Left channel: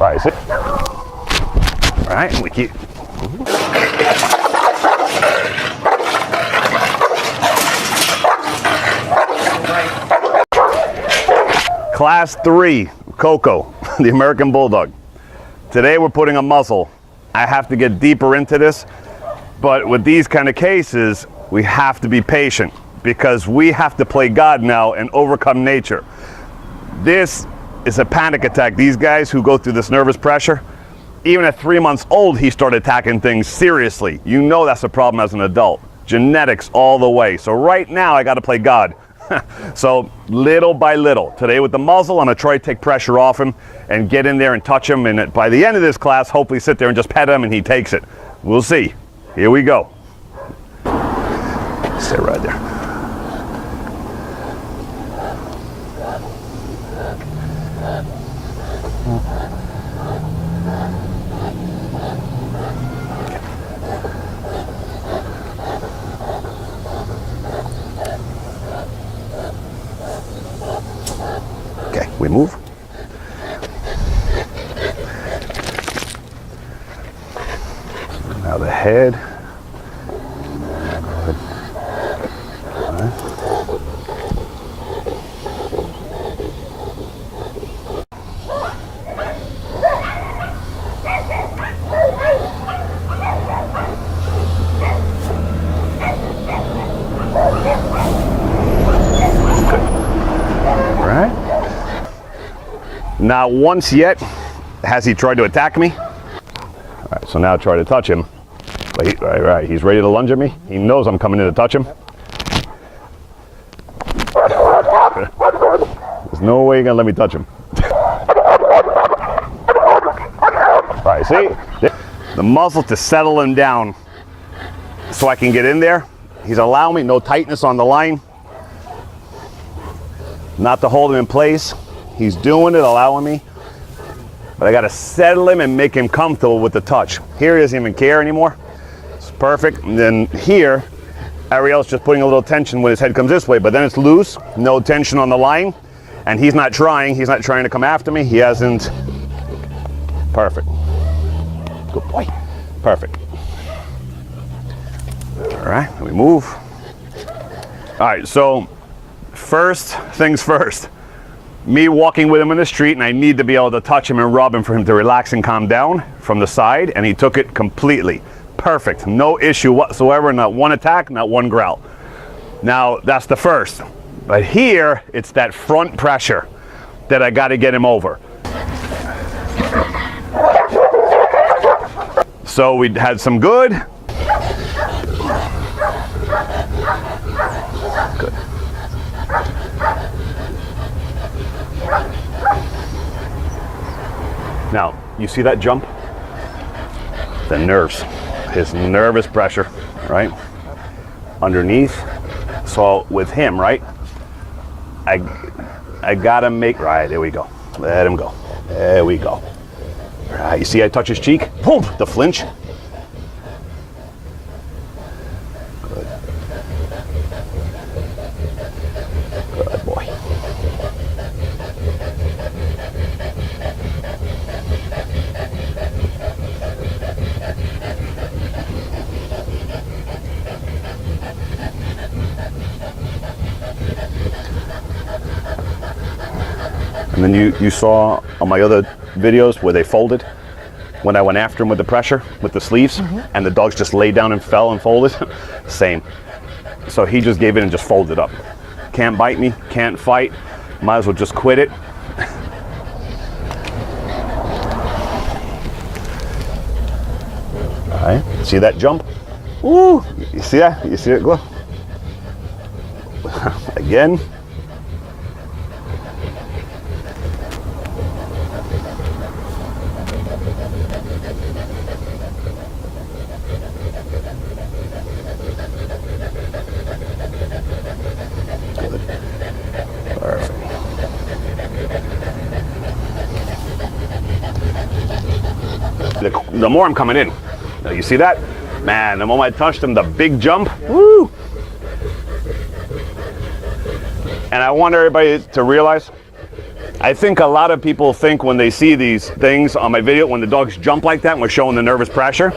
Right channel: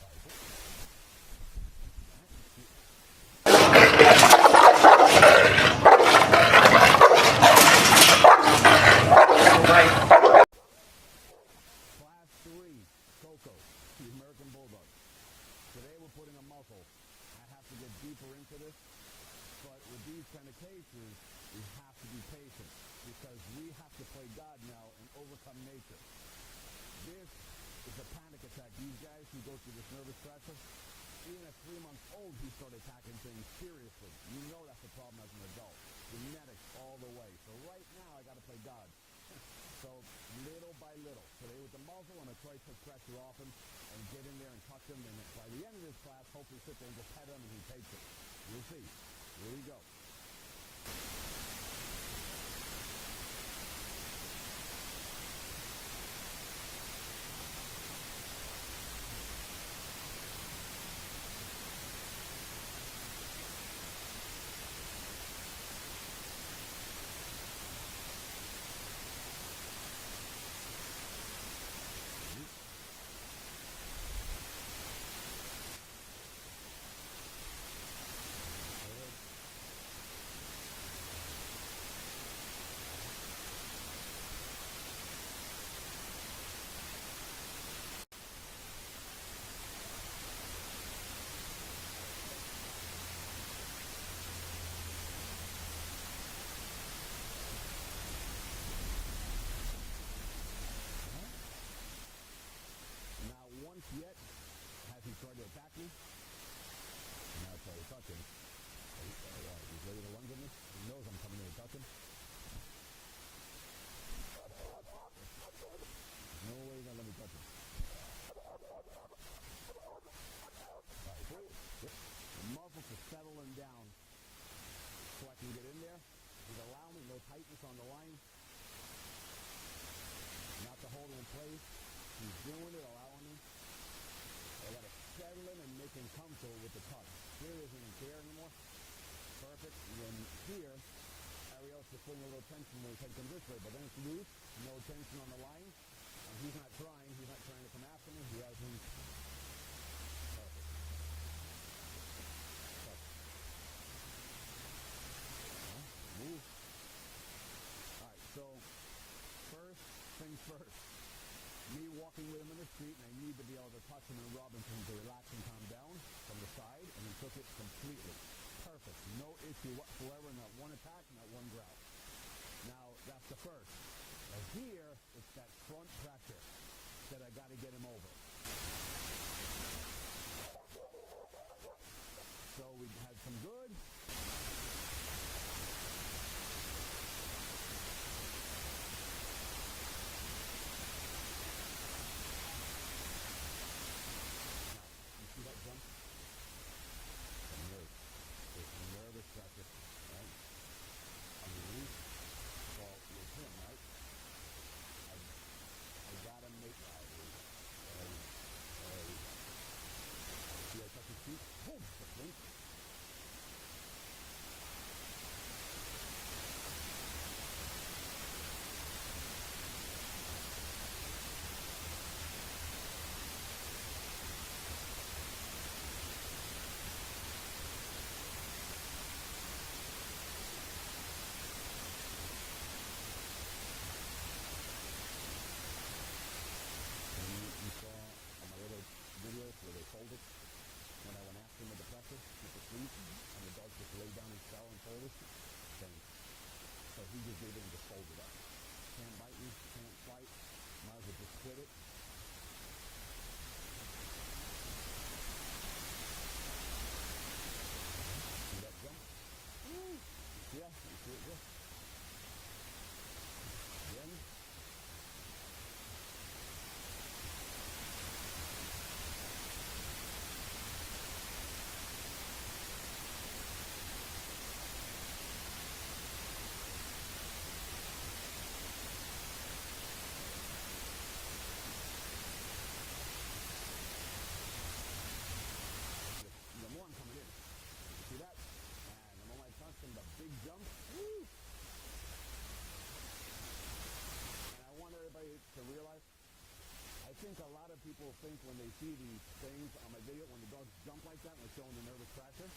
Right, see? All right, and we keep. Class 3, Coco, the American Bulldog. Today we're putting a muzzle. I have to get deeper into this, but with these kind of cases, we have to be patient because we have to play God now and overcome nature. This is a panic attack. These guys who go through this nervous pressure, even at 3 months old, he started attacking things seriously. You know that's a problem as an adult. Genetics all the way. So right now I got to play God. So little by little. Today with the muzzle, I'm going to try to take pressure off him and get in there and touch him. And by the end of this class, hopefully sit there and just pet him and he takes it. We'll see. Here we go. Stay right there. Okay, we move. Now the head. Good. All right. All right. Not once yet has he tried to attack me. All right, so now try to touch him. But right, he's ready to lunge at me. He knows I'm coming in to touch him. There's no way you're gonna let me touch him. All right, see? The muzzle to settle him down so I can get in there. He's allowing me, no tightness on the line. Not to hold him in place. He's doing it, allowing me. But I gotta settle him and make him comfortable with the touch. Here he doesn't even care anymore. It's perfect. And then here, Ariel's just putting a little tension when his head comes this way, but then it's loose, no tension on the line. And he's not trying to come after me. He hasn't. Perfect. Good boy. Perfect. All right, we move. All right, so first things first. Me walking with him in the street, and I need to be able to touch him and rub him for him to relax and calm down from the side, and he took it completely. Perfect, no issue whatsoever, not one attack, not one growl. Now, that's the first. But here, it's that front pressure that I gotta get him over. So we had some good. Good. Now, you see that jump? The nerves, his nervous pressure, right? Underneath. So with him, right? I gotta make, right, there we go. Let him go. There we go. Right, you see I touch his cheek? Boom, the flinch. Good. Good boy. And then you saw on my other videos where they folded when I went after him with the pressure, with the sleeves, and the dogs just laid down and fell and folded. Same. So he just gave in and just folded up. Can't bite me, can't fight, might as well just quit it. All right, see that jump? Ooh, you see that? You see it go? Again. The more I'm coming in. Now, you see that? Man, the moment I touched him, the big jump. Woo! And I want everybody to realize, I think a lot of people think when they see these things on my video, when the dogs jump like that and we're showing the nervous pressure,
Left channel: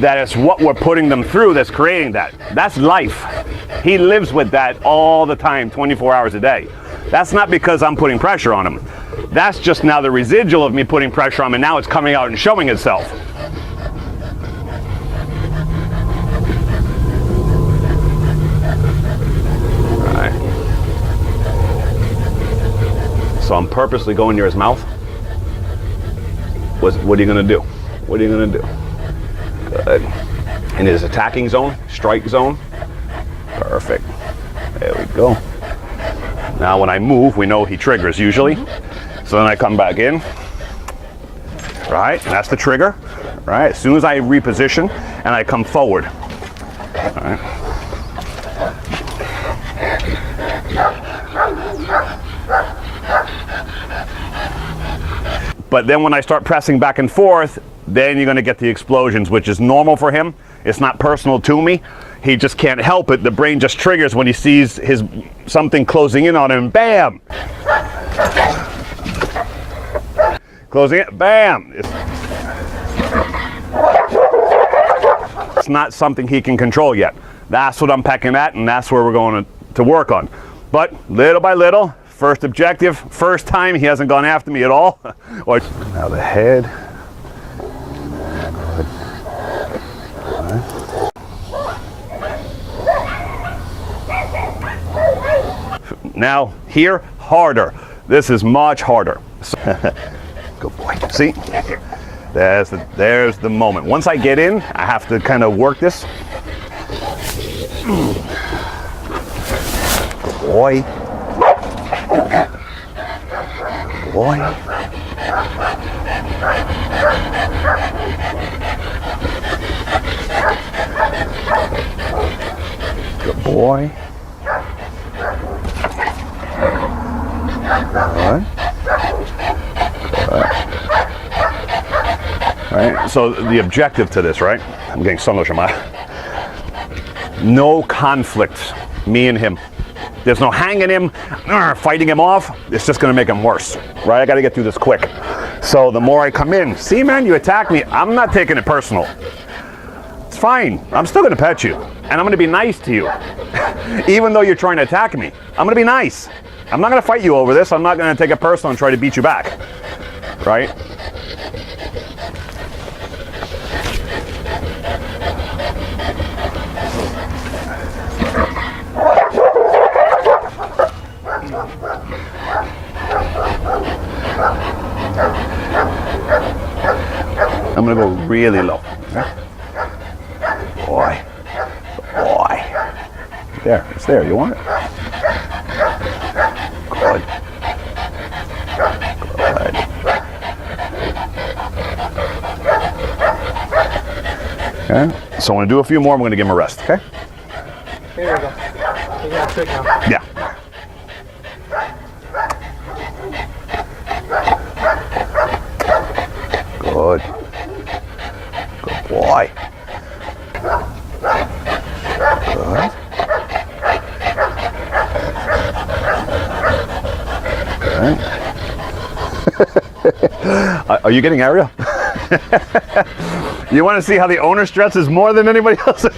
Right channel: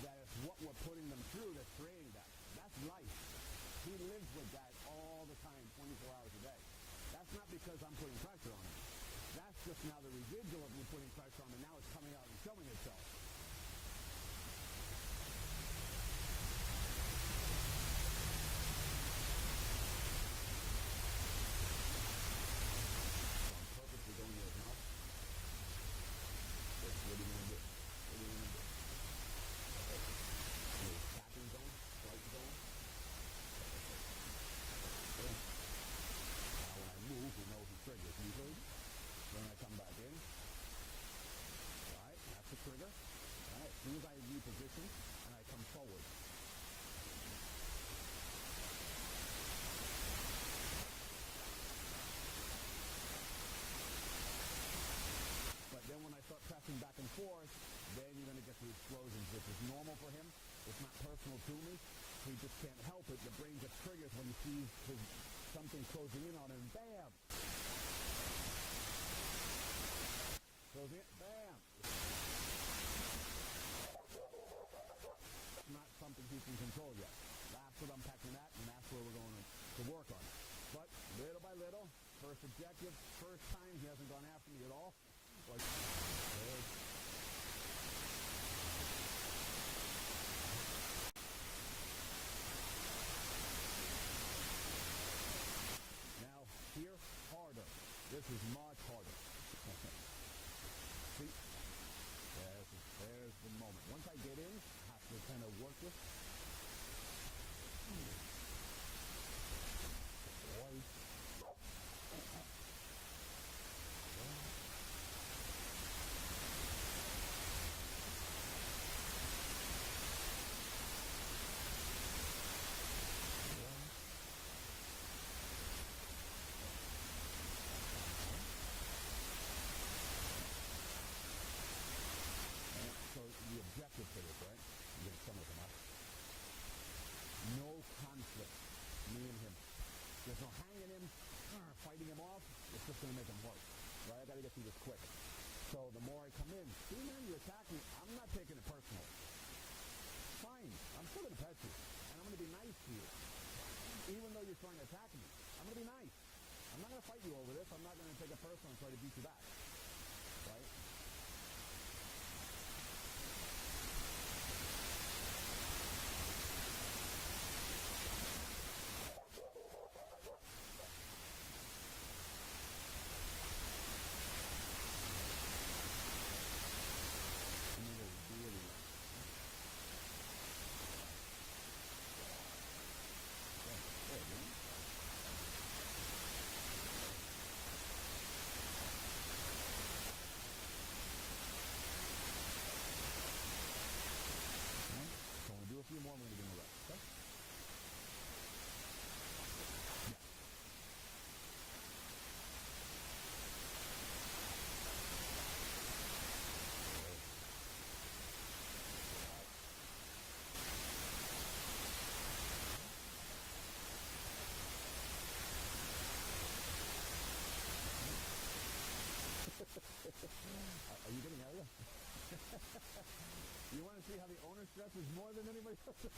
that it's what we're putting them through that's creating that. That's life. He lives with that all the time, 24 hours a day. That's not because I'm putting pressure on him. That's just now the residual of me putting pressure on him, and now it's coming out and showing itself. All right. So I'm purposely going near his mouth. What are you going to do? What are you going to do? Good. In his attacking zone, strike zone. Perfect. There we go. Now when I move, we know he triggers usually. So then I come back in. Right, and that's the trigger. Right, as soon as I reposition and I come forward. All right. But then when I start pressing back and forth, then you're going to get the explosions, which is normal for him. It's not personal to me. He just can't help it. The brain just triggers when he sees something closing in on him. Bam! Closing it. Bam! It's not something he can control yet. That's what I'm pecking at, and that's where we're going to work on. But little by little, first objective, first time he hasn't gone after me at all. Now the head. Now here, harder. This is much harder. Good boy. See? There's the moment. Once I get in, I have to kind of work this. Good boy. Good boy. Good boy. All right, so the objective to this, right? I'm getting so much on my. No conflict, me and him. There's no hanging him, fighting him off. It's just gonna make him worse, right? I gotta get through this quick. So the more I come in, see man, you attack me, I'm not taking it personal. It's fine, I'm still gonna pet you. And I'm gonna be nice to you. Even though you're trying to attack me, I'm gonna be nice. I'm not gonna fight you over this. I'm not gonna take it personal and try to beat you back, right? I'm gonna go really low. Okay? Boy. Boy. There, it's there. You want it? Good. Good. Okay. So I'm gonna do a few more. I'm gonna give him a rest. Okay. Here we go. You got a trick now. Yeah. Good. Good boy. Good. Are you getting area? You want to see how the owner stresses more than anybody else? All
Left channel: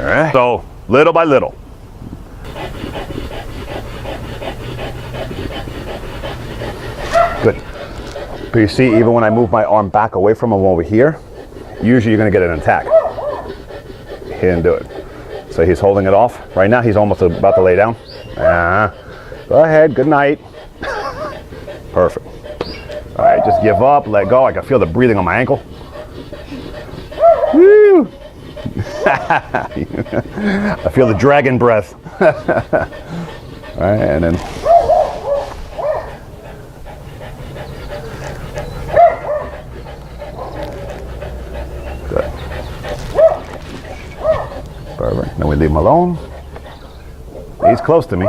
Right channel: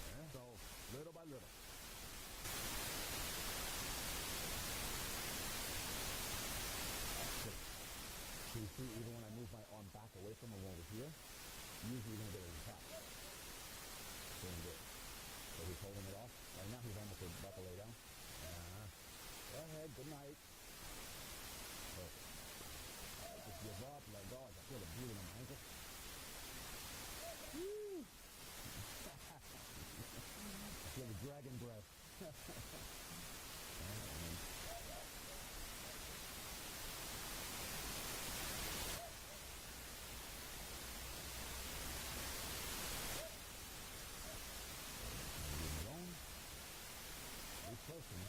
right. So little by little. Good. But you see, even when I move my arm back away from him over here, usually you're going to get an attack. He didn't do it. So he's holding it off. Right now he's almost about to lay down. Go ahead, good night. Perfect. All right, just give up, let go. I can feel the breathing on my ankle. Woo! I feel the dragon breath. All right, and then. Good. Perfect. Then we leave him alone. He's close to me.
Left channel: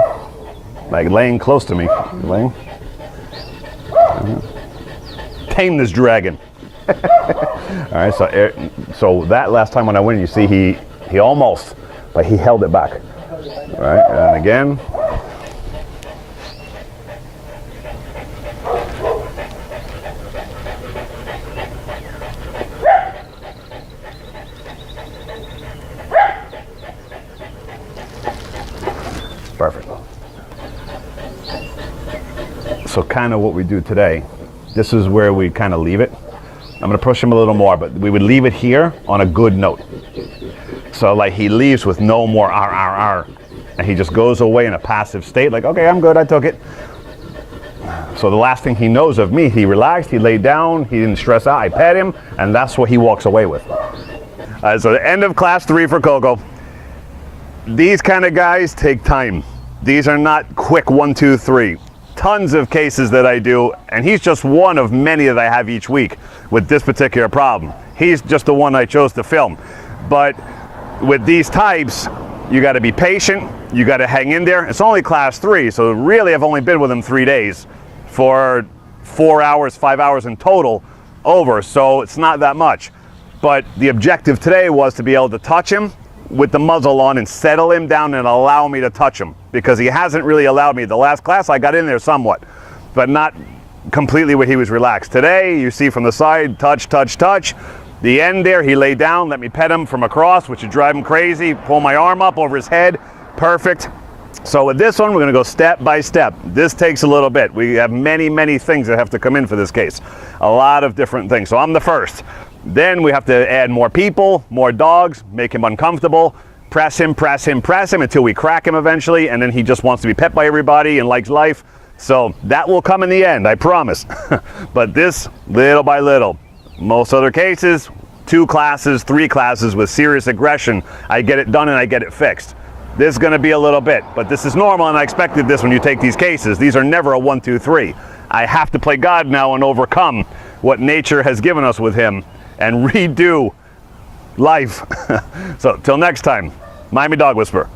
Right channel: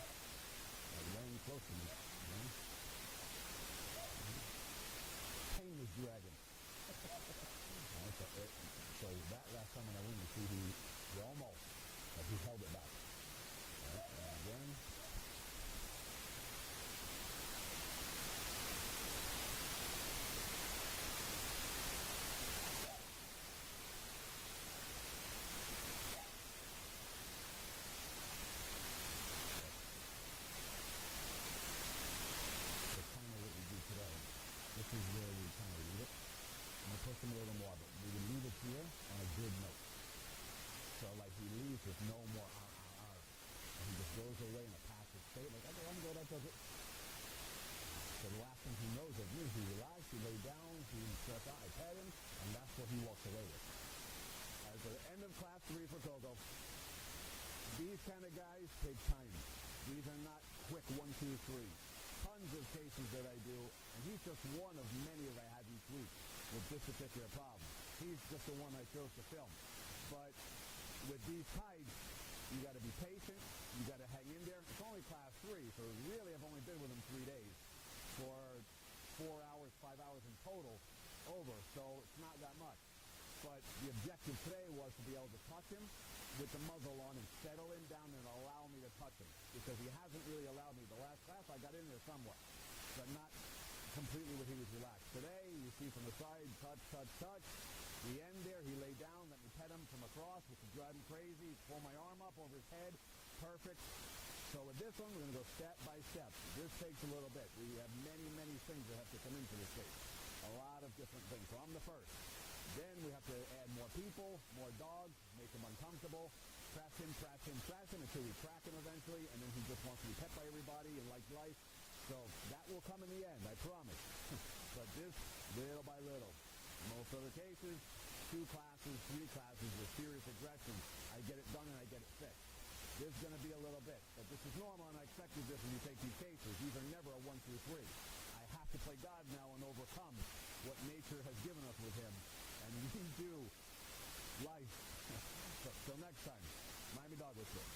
Like laying close to me. Laying. Tame this dragon. All right, so that last time when I went, you see he almost, but he held it back. All right, and again. So kind of what we do today, this is where we kind of leave it. I'm gonna push him a little more, but we would leave it here on a good note. So like he leaves with no more R, R, R. And he just goes away in a passive state, like, okay, I'm good, I took it. So the last thing he knows of me, he relaxed, he laid down, he didn't stress out, I pet him, and that's what he walks away with. So the end of class 3 for Coco. These kind of guys take time. These are not quick 1, 2, 3. Tons of cases that I do, and he's just one of many that I have each week with this particular problem. He's just the one I chose to film. But with these types, you got to be patient, you got to hang in there. It's only class 3, so really I've only been with him 3 days for 4 hours, 5 hours in total over, so it's not that much. But the objective today was to be able to touch him with the muzzle on and settle him down and allow me to touch him, because he hasn't really allowed me. The last class I got in there somewhat, but not completely where he was relaxed. Today, you see from the side, touch, touch, touch. The end there, he laid down, let me pet him from across, which would drive him crazy, pull my arm up over his head, perfect. So with this one, we're gonna go step by step. This takes a little bit. We have many, many things that have to come in for this case. A lot of different things. So I'm the first. Then we have to add more people, more dogs, make him uncomfortable, press him, press him, press him until we crack him eventually, and then he just wants to be pet by everybody and likes life. So that will come in the end, I promise. But this, little by little. Most other cases, 2 classes, 3 classes with serious aggression, I get it done and I get it fixed. This is gonna be a little bit, but this is normal, and I expected this when you take these cases. These are never a 1, 2, 3. I have to play God now and overcome what nature has given us with him and redo life. So till next time, Miami Dog Whisperer.